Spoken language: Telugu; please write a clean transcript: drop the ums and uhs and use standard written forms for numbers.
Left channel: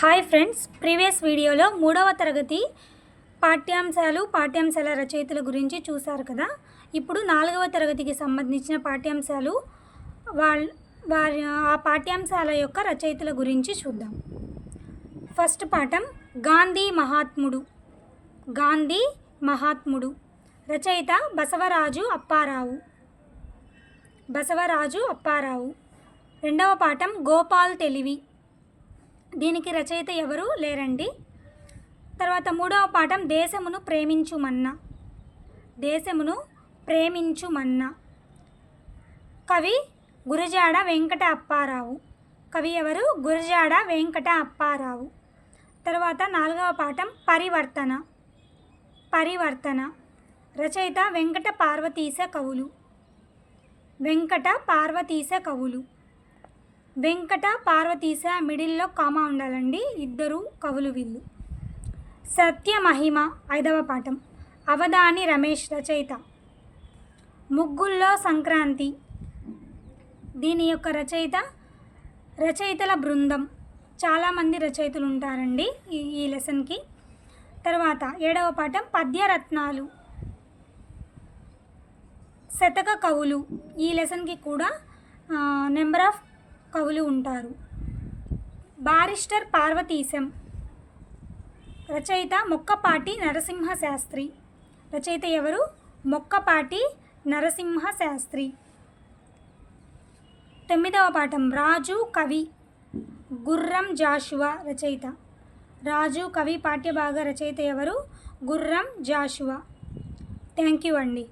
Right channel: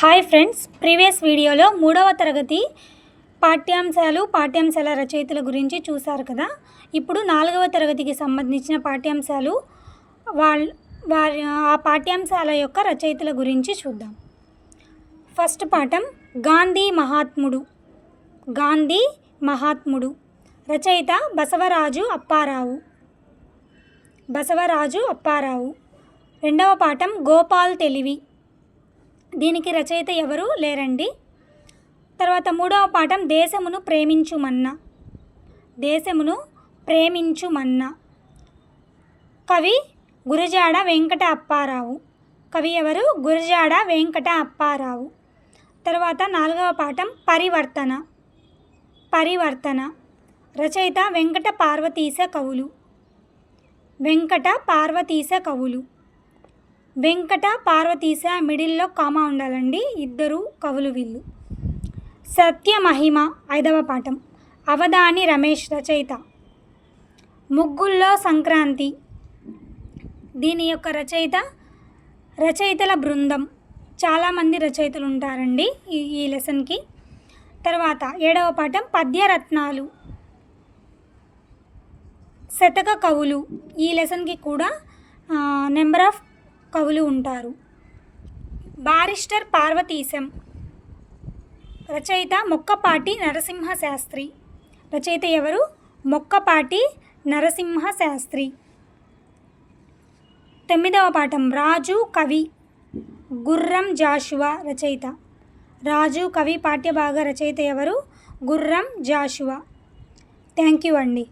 హాయ్ ఫ్రెండ్స్, ప్రీవియస్ వీడియోలో 3వ తరగతి పాఠ్యాంశాల రచయితల గురించి చూశారు కదా. ఇప్పుడు 4వ తరగతికి సంబంధించిన పాఠ్యాంశాలు ఆ పాఠ్యాంశాల యొక్క రచయితల గురించి చూద్దాం. ఫస్ట్ పాఠం గాంధీ మహాత్ముడు. రచయిత బసవరాజు అప్పారావు. రెండవ పాఠం గోపాల్ తెలివి. దీనికి రచయిత ఎవరు లేరండి. తర్వాత మూడవ పాఠం దేశమును ప్రేమించుమన్నా. కవి గురజాడ వెంకట అప్పారావు. కవి ఎవరు? గురజాడ వెంకట అప్పారావు. తర్వాత నాలుగవ పాఠం పరివర్తన. రచయిత వెంకట పార్వతీశ మిడిల్లో కామా ఉండాలండి, ఇద్దరు కవులు వీళ్ళు. సత్యమహిమ ఐదవ పాఠం. అవధాని రమేష్ రచయిత. ముగ్గుల్లో సంక్రాంతి. దీని యొక్క రచయితల బృందం. చాలామంది రచయితలు ఉంటారండి ఈ లెసన్కి. తర్వాత ఏడవ పాఠం పద్యరత్నాలు. శతక కవులు. ఈ లెసన్కి కూడా నెంబర్ ఆఫ్ కవులు ఉంటారు. బారిస్టర్ పార్వతీశం. రచయిత మొక్కపాటి నరసింహశాస్త్రి. రచయిత ఎవరు? మొక్కపాటి నరసింహశాస్త్రి. తొమ్మిదవ పాఠం రాజు కవి. గుర్రం జాషువా రచయిత. రాజు కవి పాఠ్యభాగ రచయిత ఎవరు? గుర్రం జాషువా. థ్యాంక్ యూ అండి.